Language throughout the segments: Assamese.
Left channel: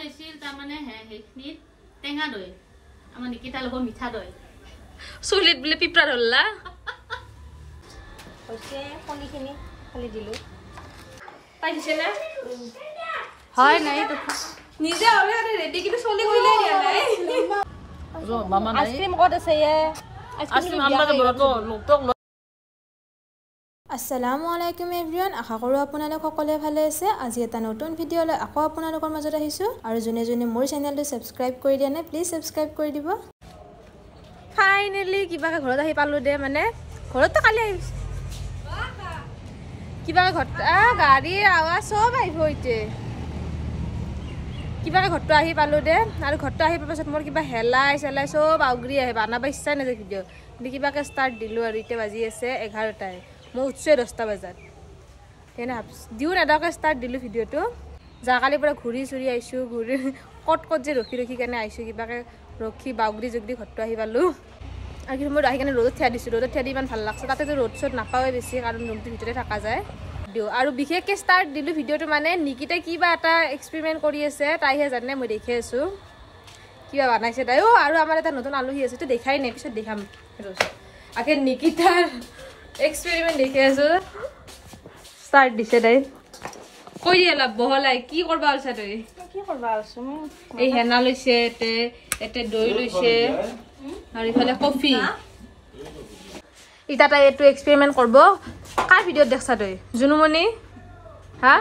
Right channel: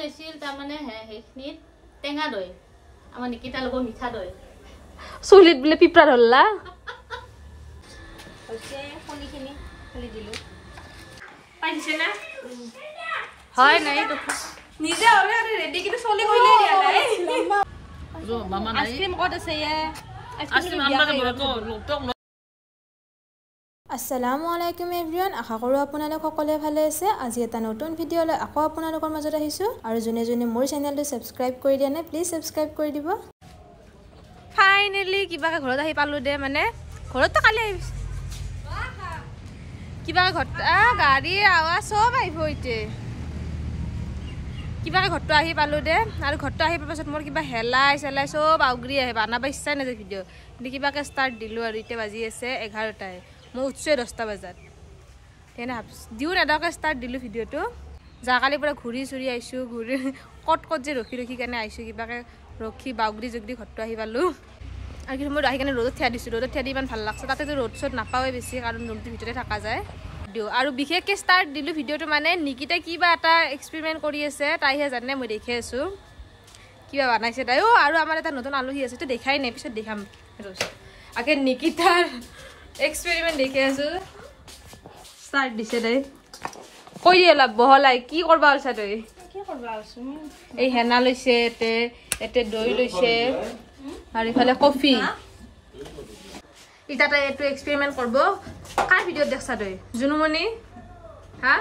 লৈছিল তাৰমানে সেইখিনিত টেঙা দৈ আমাৰ নিকিতা লগৰ মিঠা দৈ চুলিত বোলে পিপৰা ধৰলা হৈছে কণীখিনি খালি দিলো পাই দিছে না হয় নাই তো নিজে হ'লে ৰেডি কিন্তু চলি কৰিলে দিয়া নাই মামা নাই আইসক্ৰিম কত আছে আইসক্ৰিম আমৰা তো লোকটক আসসালামু আলাইকুম এভৰিৱান আশা কৰোঁ আপোনালোক সকলোৱে ভালে আছে আজি এটা নতুন ভিডিঅ' লৈ আকৌ আপোনালোকৰ মাজত আহিছোঁ আৰু যোনে যোনে মোৰ চেনেলটো সাবস্ক্ৰাইব কৰি দিয়া নাই প্লিজ সাবস্ক্ৰাইব কৰি দিব ফাইনেলি কিবাকে ঘৰত আহি পালো দে মানে ঘৰত তো কালি আহিছ কিবা ঘৰত গাড়ীৰ আৱাজ সব আহিব ইতে কিবাকে ঘৰটো আহি পালো দে আৰু ঘৰটো আহি পোৱাৰ পাছত মোৰ কিবা হেলাই চেলাই সব আউগৰি আহে বানাব ইচ্ছা নাযায় ভিডিঅ' কিন্তু কিবাকে ষ্টাৰ্ট দিলোঁ আৰু এতিয়া বাজি আছে 11টাই মই উঠছোৱে 10টা বজাত তেনে দিওঁ নেদাকে ষ্টাৰ্ট দিলোঁ ভিডিঅ'টো যোৱাকালিৰ পৰা ঘূৰি চুৰি আহিছোঁ ঘূৰি ক'ত যে ৰখি কেনে আহিছোঁ কিবাকে ৰখি বাউগৰি জুগৰি ঘৰটো আহি পালোঁ আৰু কিন্তু মই আহি কেনে ৰ'দত থিয়া দিছোঁ ৰ'দত থিয়া দি ইমান ভাল লাগছে তাতেতো ৰ'দ চ'দ নাপাওঁৱে বেছি কাৰণ ৰুমটোৰ ভিতৰতে থকা যায় দিওঁ আৰু বিশেষকৈ ষ্টাৰ্ট দিলোঁ ভিডিঅ'টো মানে নিকিতাই কিবা এটা এক্সপেৰিমেণ্ট কৰি আছে তাইহে জানে মই দেখি আছোঁ কিবা বনাইছে তাই আৰু আমাৰ এটা নতুন আলহী আছে তো দেখাই নাই পিছত দেখাম আগে নিকিতাৰ এক্সপেৰিমেণ্ট দেখি আছোঁ ষ্টাৰ্ট দিছে তাই কৈ দিয়ে অলপ বহলাই কি কৰবা ওলছা তই কি কৰবা আছো এই হেনা লৈছে এতে দৈ লৈছে আৰু ইফালে কফি ইটা তাই এইটো এক্সপেৰিমেণ্ট কৰিব কাৰ ভিডিঅ'ত দেখছা তই জুনুমণি হা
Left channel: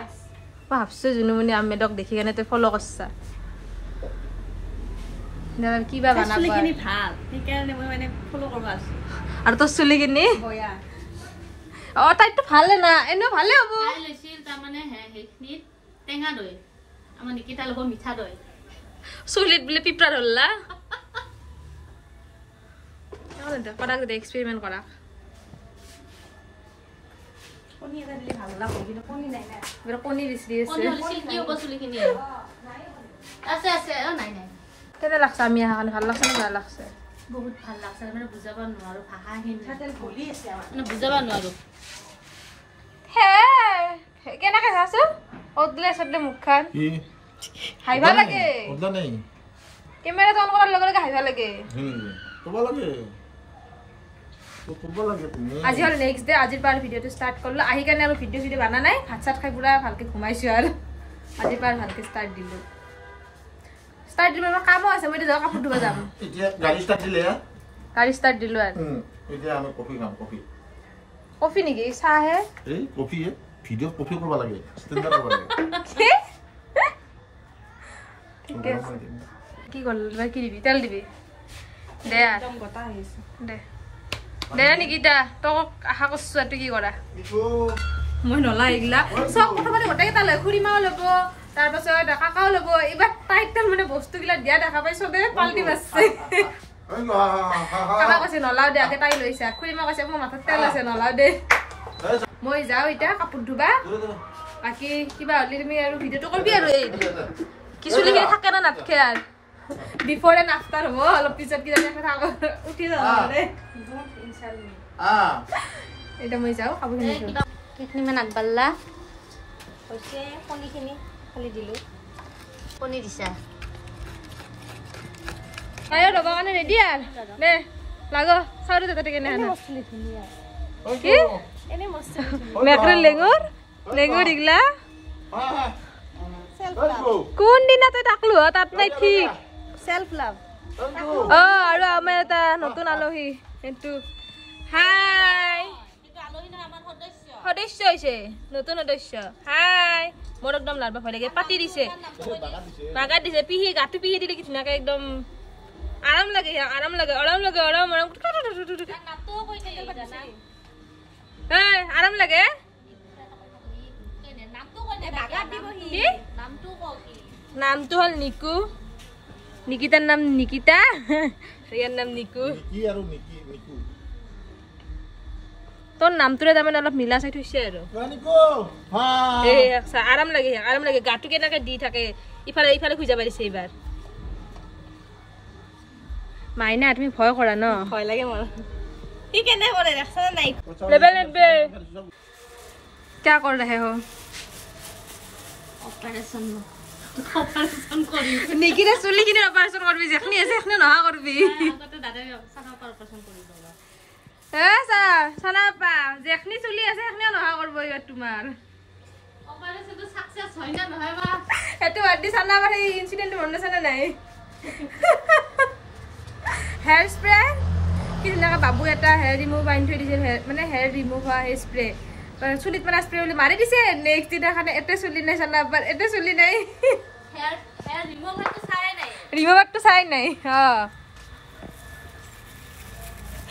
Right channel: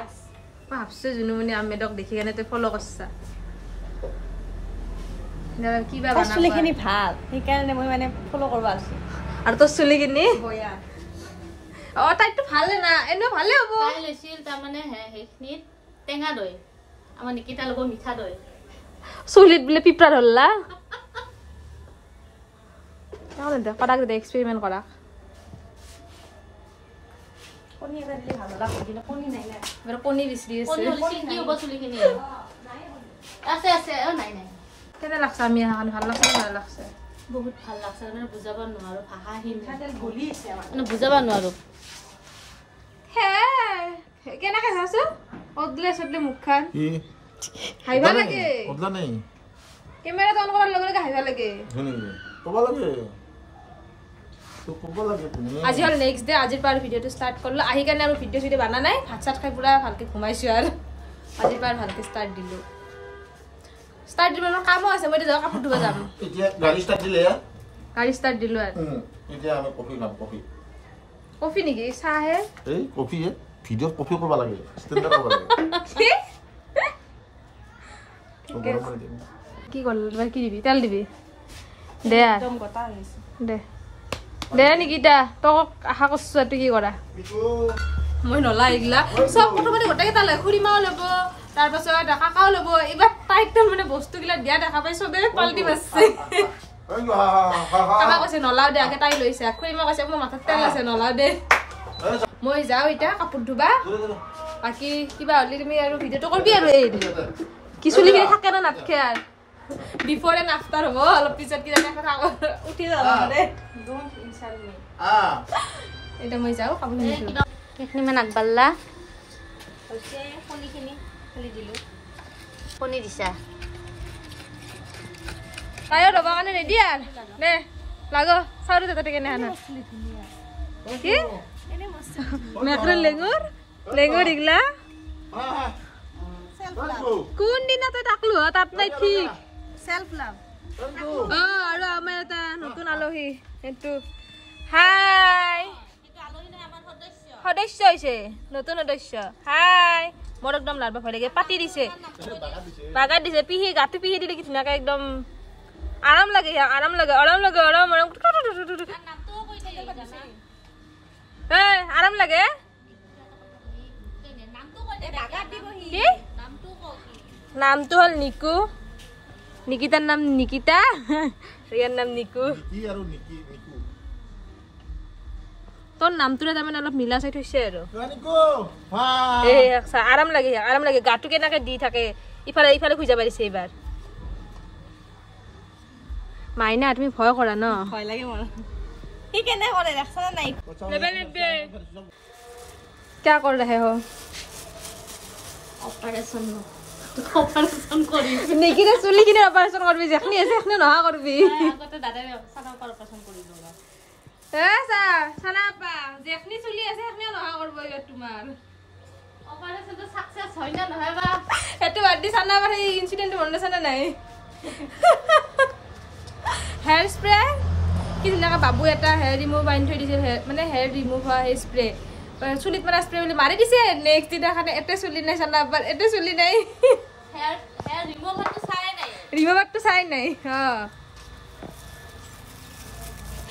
মই ভাবছোঁ জুনুমণি আহমেদক দেখি কেনে তই ফ'ল' কৰছা কিবা বনাব চুলিখিনি ভাল সেইকাৰণে মই মানে ফলো কৰবা আছো আৰু তোৰ চুলিখিনি বয়া তাইতো ভালে না এনেও ভালে হ'ব তাই লৈছিল তাৰমানে সেইখিনিত টেঙা দৈ আমাৰ নিকিতা লগৰ মিঠা দৈ চুলিত বোলে পিপৰা ধৰলা কৰাক দে এক্সপেৰিমেণ্ট কৰাক কণী এটা দিলে ভাল লাগব কিন্তু কণী নাই না এবাৰ কণী বিচাৰি আছে কি হ'ব চুলিখিনি আছে আছে নাই নাই কেনে লাগছে আমি অহা কাৰণে ভাল লাগছে নে বেয়া লাগছে বহুত ভাল লাগছে মানে বুজাব নোৱাৰো ভাষাহীন ভুলি আছে মানে বুজাব নোৱাৰো হে কেনেকে চাইছো অদলে সদলে মুখখান হাইবা লাগে ওদলা নাই কেমেৰাটো অন কৰাৰ লগে লগে হাইবা লাগে ক'ব লাগে তো ক'ব লাগে তুমি আজি হল নেক্সট ডে আজিৰ পৰা ভিডিঅ'টো ষ্টাৰ্ট কৰিলো আহি কাৰণে আৰু ভিডিঅ' বানা নাই ভাত চাত খাই পুৰা ভালকে ঘুমাইছো আৰু আজিৰ পৰা ভালকে ষ্টাৰ্ট দিলো মই কামো আছে মই এতিয়া কাপোৰ ধুব যাম এতিয়া গাড়ী ষ্টাৰ্ট দিলে গাড়ী ষ্টাৰ্ট দিলো আৰু এতিয়া আমি কফি খাম কফি কফি নেকি চাহে এই কফি ভিডিঅ'ত কফি ক'ব লাগে ষ্টেণ্ডাৰ্ড ক'ব লাগে ঠিকে কি কৰিল কি দিবি তেল দিবি দে একদম গটা হৈ গৈছে দে দে নিকিতা তক আশা কৰিছো তই কি কৰা মই নলা এইগিলা চব প্ৰথমতে গোটেইকেইটা লয় খুৰীমাও ল'ব তাৰপাছত কাকাও ল'ব এইবাৰ তাইত মানে বস্তুগিলা দিয়া দেখা পাই চবে পাল্টি মাৰছে কাকা কৈছে নলাও দে আগে তাই লৈছে খুৰীমা কৈছে মোৰ মাথাত তেল আছে নলাও দে মই যাওঁ এতিয়া কাপোৰ ধুবা বাকী কিবা হ'লে তুমি আৰু ভিডিঅ'টো কৰিবি আৰু এই কি চুলিখিনি থাকে ন নাথাকে আৰু বিফৰ এণ্ড আফটাৰ হ'ব অলপ পিছত কিবা উঠি যাব এতিয়া মই যাওঁ কাপোৰখিনি সেইখিনি মানে আগবাঢ়লা হৈছে কণীখিনি খালি দিলো কণী দিছা তাইও ল'ব কাৰণে ৰেডি আৰু দে লাগ চাউৰি তাতে কেনে আনা চুলি ধুনীয়া কি এনে মস্ত মেকৰেল লেঙুৰ ইগলা কোন দিনা তই তাকলো তাত নাই ঠিক সেলফ লাভ আৰু আমাৰ এটা নতুন আলহী সেইটো হাই সদস্য হৈছে নতুন সদস্য হাই মোৰ একদম লাৰবা ভয় লাগে পাতি দিছে বাগাত দিছে পিহি গাটো পিহি দিলে কি ধুনীয়াকে একদম আৰাম লাগে আৰাম লাগে কি নামটো হ'ল নিকু নিকিতাৰ নাম নিকিতা ইয়াৰ নাম নিকু কি আৰু নিকি নিকু তোৰ নামটোৰে তাৰমানে অলপ মিলা চাই থৈছে আৰু নিকু আৰাম লাগে গাটো কেনেকে দি থাকে ইফালে খুজা পাৰিছে এইবাৰ মাইনা তুমি ভয় কৰা ন ভয় লাগে মোৰ কি কেনে কৰে ৰাস্তা নাই লেবেল क्या कर रहे हो অপাৰেশ্যন অপাৰেশ্যন কৰিম নিকিৰে চুলিখিনি অপাৰেশ্যন কৰবি যেখনি আছে সেখনি নহা কৰবি আগতে দাদাই চানা অপাৰেশ্যন কৰি ল'বা চানাপা যেখনি চুলি আছে সেখনিও নহা কৰব তোমাৰ অপাৰেশ্যনটো সাকসেস হয় না নহয় বা সেইটো বাদ দি চানাপাৰ সেই ইনচিডেণ্টটো মনত আছে নে নাই হেয়াৰ স্প্ৰে কি ধুনীয়াকৈ বাবু এটা হেয়াৰ ৰিমুভ আনি থৈ দিছিল মানে হেয়াৰ ৰিমুভ হোৱা সেই স্প্ৰে চুলিত মানে স্প্ৰে বুলি মাৰি দিছে নেক্সট দিনাখানে এতে চুলি নাই চানাপাৰ এতে চুলি নাই হেয়াৰ ৰিমুভাৰটো চাই নাই ৰিমুভাৰটো চাই নাই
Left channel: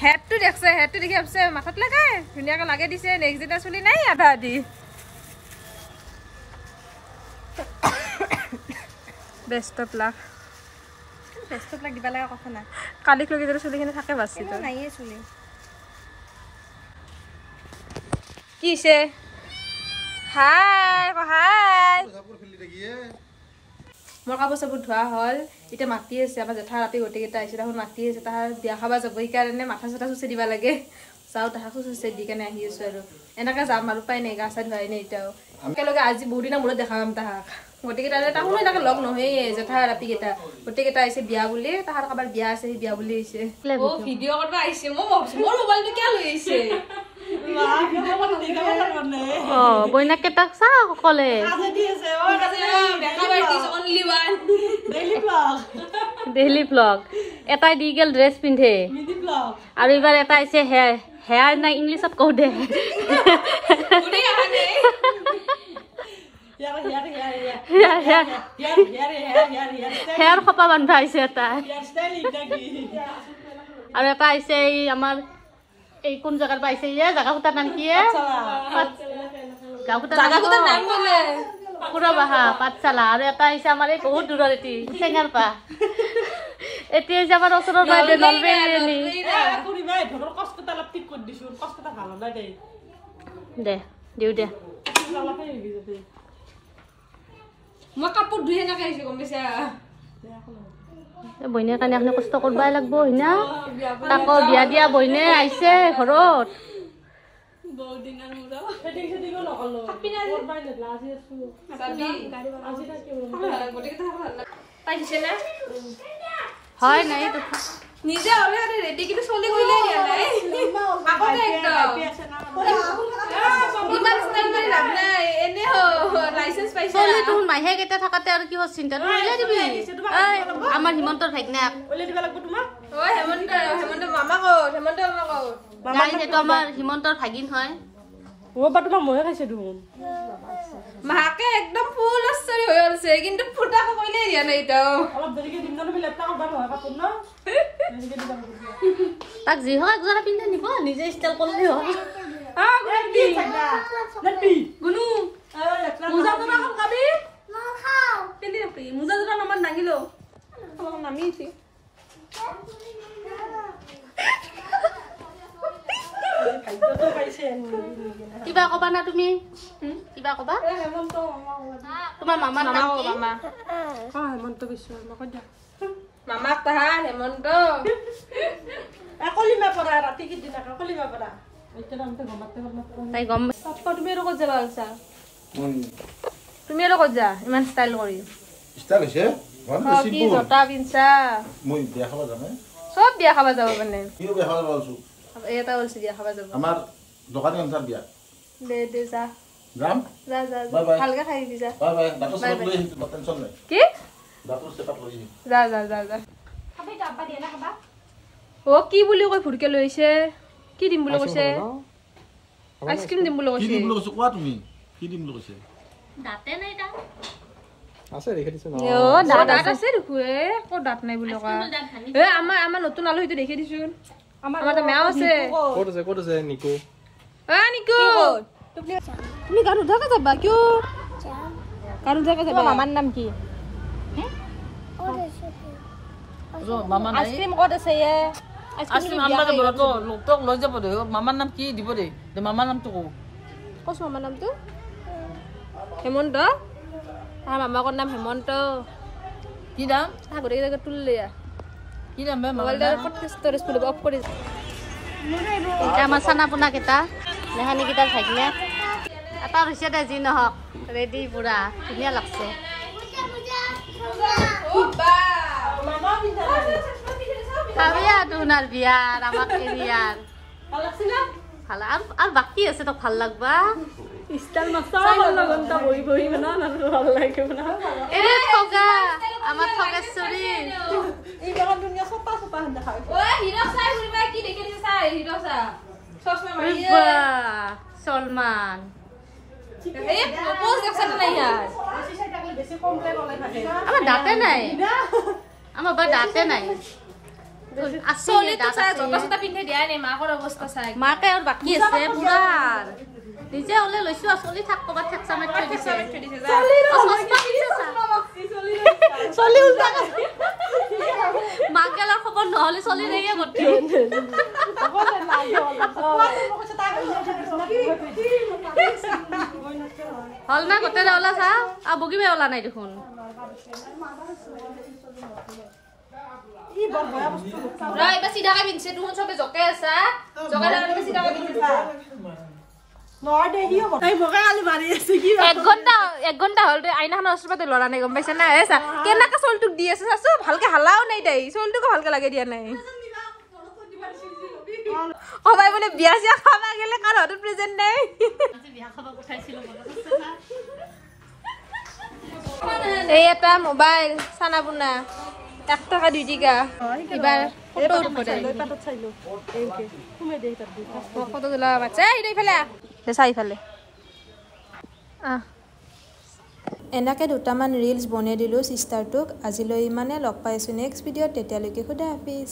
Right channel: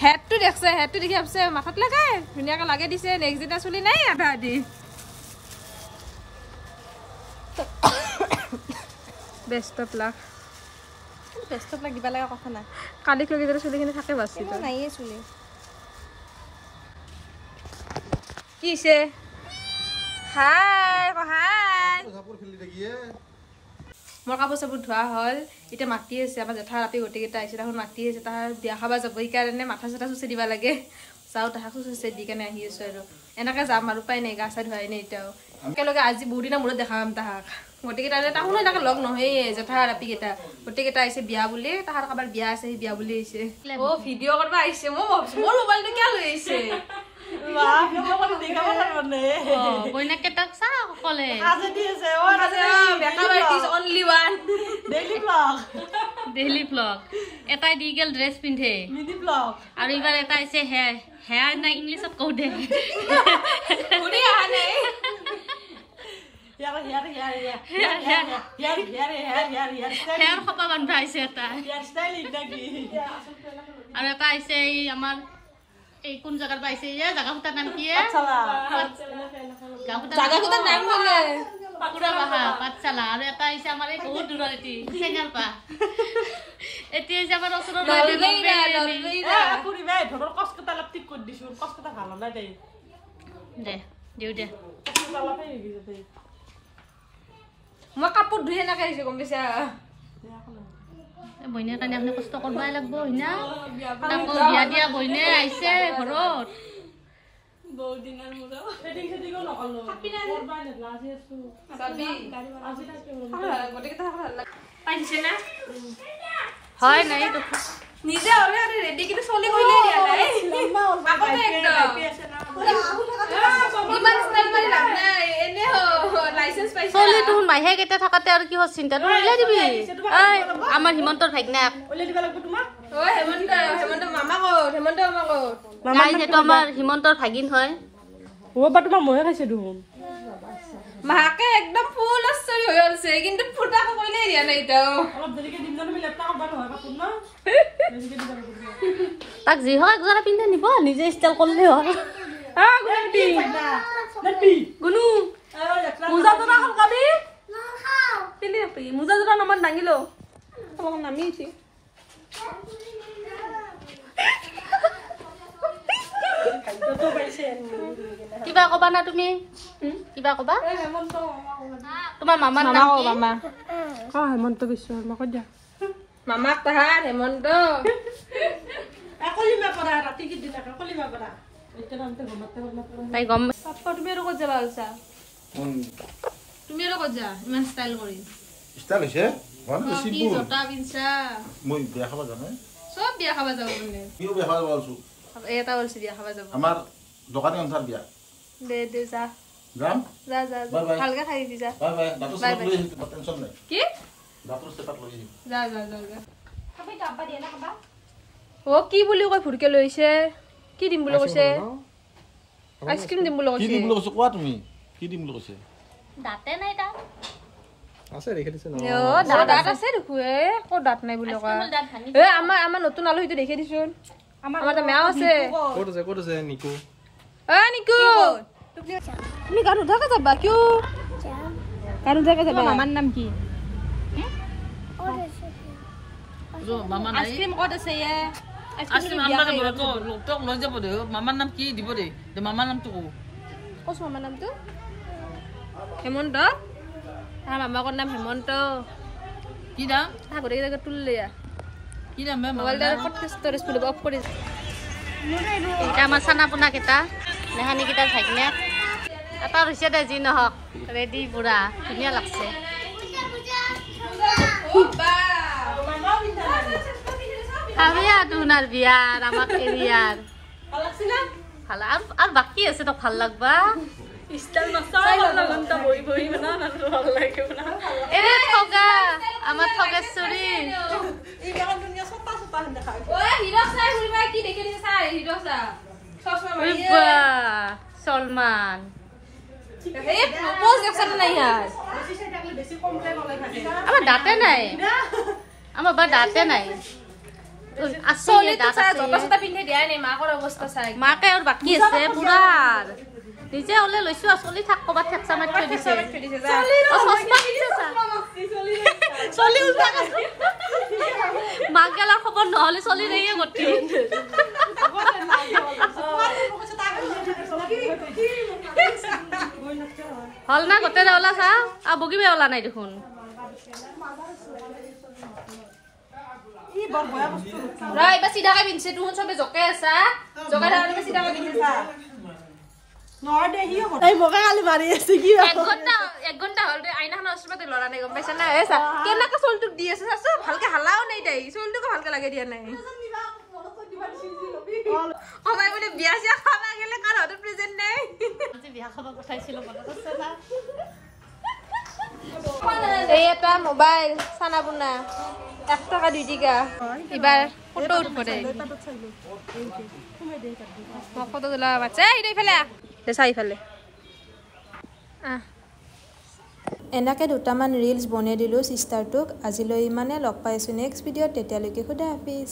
হেডটো দেখছে হেডটো দেখি ভাবছে মাথাত লগাই ধুনীয়াকৈ লাগে দিছে নেক্সট দিনা চুলি নাই আধা আধি বেষ্ট অফ লাক দিবা লগা কথা নাই কালিক লগি যদি চুলিখিনি থাকে বাচি নাইয়ে চুলি কি হৈছে হাই মোৰ কাপোৰ চাপোৰ ধোৱা হ'ল এতিয়া মাতি আছে আমাৰ জেঠা ৰাতি গোটেইকেইটা আহিছে তাহোন মাতি আছে তাহাৰ বিয়া খাব যাব সেইকাৰণে মাথা চাথা চুচি দিব লাগে যাওঁ তাহাক চুচি দি কেনে আহি আছো আৰু এনেকে যাম আৰু পাই নাই গা চা ধোৱাই নাই এতিয়াও একেলগে আজি বহুত দিনৰ মূৰত দেখা পাম তাহাক গোটেইকেইটা তাহোনো এনেকে লগ নহয়ে জেঠা ৰাতিকেইটা গোটেইকেইটা আহিছে বিয়া বুলি তাহাৰ কাৰোবাৰ বিয়া আছে সেই বিয়া বুলি আহিছে ভিডিঅ' কৰিব আহিছে মই ভাবছো মোৰ মোবাইলটো কিয় লৈ আহিছে বইনাকেইটাক চা সকলে ডেইলি ব্লগ এটাই দি গেল ড্ৰেছ পিন্ধে আৰু এইবাৰ এটা আহিছে হেয়াৰ নাই ইংলিছত কওঁ দে হেয়াৰ খপা বান্ধা আহিছে এটা আৰু এটা আহিছে এই আমাৰ এই কোন জায়গার পাইছে ইয়া জায়গা ফুটার নাম কি পুরা বাহা পাঠশালা আর এটা হইছে আমার এই বহুত দূরের এটি সেঙ্গার পা এটি হইছে আমার ওচৰৰ দে দিও দে মই কাপোৰ ধুই এনেকে আহিছো গম পাইছা বইনেৰ কাৰণে আপনি কষ্ট কৰবাই লাগবো হইনা তাকো বিয়া দিয়া বইনে আইছে ঘৰত হয় নাই নিজে হলে রেডি কিন্তু চলি কইলে দিয়া নাই আগতে একদম ইমান স্টাইল মারি লাভ নাই এনে লাইসেন্স পাইছে চলি তুন মাইহে কেটা থাকাতে আর কি চিন্তা তো উলাই দিবি এই আমার হিমন্তৰ ভাগনাক উলাই দিবা লাগব তোমাক ওই হেমন্ত মামা কো গাইস এটো আমার হিমন্তৰ ভাগিন হয় ও বা তোমাৰ মহে খাইছে দুন মাকে একদম ফুল আছৰি হৈ আছে কিন্তু ফুটা কইলে দিয়া নাই তো অলপ দেৰিকে দিন নলে লেপটা কৰবা নহয় কাপোৰ ন দেৰিকে দিবা লাগব তাক যি হয় একজোৰা পিন্ধা নিব নিজে ষ্টাইল করলে হয় গুনু মুজা জনা কম কাবি না খাও পিলি পি মুজা জনা নাম নাঙিলো তোমাক নামিছি কিবা কবা না তুমি কিবা কবা তোমার মামার নাম কি মামা হেমন্ত বিশ্ব নকই দিয়া মামাক তাহার হেমন্ত একলিমা কৰা ৰাতি কি দিনা একলিমা কৰা এতিয়া নামতে ঘমাতে তাই গম পাপা তুমি আৰু ক'ত যাবা আছা তুমি আৰু ক'ত যা ইমান ষ্টাইল কৰি ষ্টাইল হৈছে কি জোতা পিনছা মই বিয়া খাব জানে সব বিয়া খাবা যাব মানে কিয় বিয়া খাব যাবছো এটা বলছি বিয়া খাবা যাব আমাৰ দোকানী অনুসাৰ বিয়া দে যা যাম যা বাই বাই ভালকে খাই দি যা বাই বাই ডাক্তৰ সাহেব লৈ আহিম টেনচন নাই কি ডাক্তৰ সাহেব লৈ আহিম যা ও কি বুলি কই ফুৰকে লৈছে কি দিম বুলি কৈছে আইসক্ৰিম দিম বুলি কি কৈছে দিম বুলি কৈছে কোৱা তুমি কি দিম বুলি কৈছে দাঁতে নাই তা আছে ৰেখে দিছে ন ও দাঁত আছে দেখো কো দাঁত নাই বুলি কয় আমাৰ নতুন আলু হিটো দেখি দিছোন আমাৰ তা মেও আছে ক'ত আছে নিকু নিকু তুমি গান উঠাকে যাবা কিয় গান উঠাকে যাবা মামাৰ নাম কি মামা নাই আইসক্ৰিম কত আছে আইসক্ৰিম আমৰা যাব তো লোকটক লৈ যাব দে মামাৰ নাম কি দিব দে মামাৰ নামটো কো কছো মামাৰ নামটো হেমন্ত মামাকৰ নাম হেমন্ত কি দাম গোটেই জায়গা তুললে কি দাম মোবাইলটা ষ্টৰেজ ফুল অফ কৰি এটা আমার চানা পোনা কেটা নেহানি কেটার ভাগনা এটা রয়েছে দে যি নহক রেডি পুরা ধুনিয়া লাগছে খাবিয়া তুনার বিয়ার আমাক এরিয়ার ভাল আর বাকি আছে তো ভাল লাগবা এরে ঠগা আমার ঠগেশ্বরী সলমান আমার দাঁতে নাই আমার বা দাঁতে নাই মাকে আর বাকি আছে পুরার নিজে ওলে লৈছো চলি থাক কবাত ঠেকচা মাৰি থৈ দিছে মাক গেলাৰ খবৰ নহলে চলি ৰেয়ে গতি হল না গোটেই ওলা চা আৰু বগিবে ওলা নাই দেখোন এক ঘন্টা হল আইনাখনৰ ওচৰতে লৰা নাই গম পাইছে না কেনেকে চলটোক দি আছে চাচো ভালকে হালাও নাই তাই চলটোকো ভালকে লাগে দিয়া নাই সবাই বোলে বিয়া চিয়া খাবা গেলে কাৰ হাতত প্ৰেজেন্ট নাই বিয়া খাব পঠাইছিলো এই এটা মোবাইল চানা পোনা 1 টাকা 2 টাকা এবার ফটো উঠব দে ফটো তোলা বাচ্চা এইফালে চাইফালে এনেকৈ দুটামান ৰিলছ বনাই দিলোঁ চিষ্টাৰটোক আজিলৈ ইমানে লগ পাইছোঁ নেক্সট ভিডিঅ'ত তেতিয়ালৈকে খুদা হাফিজ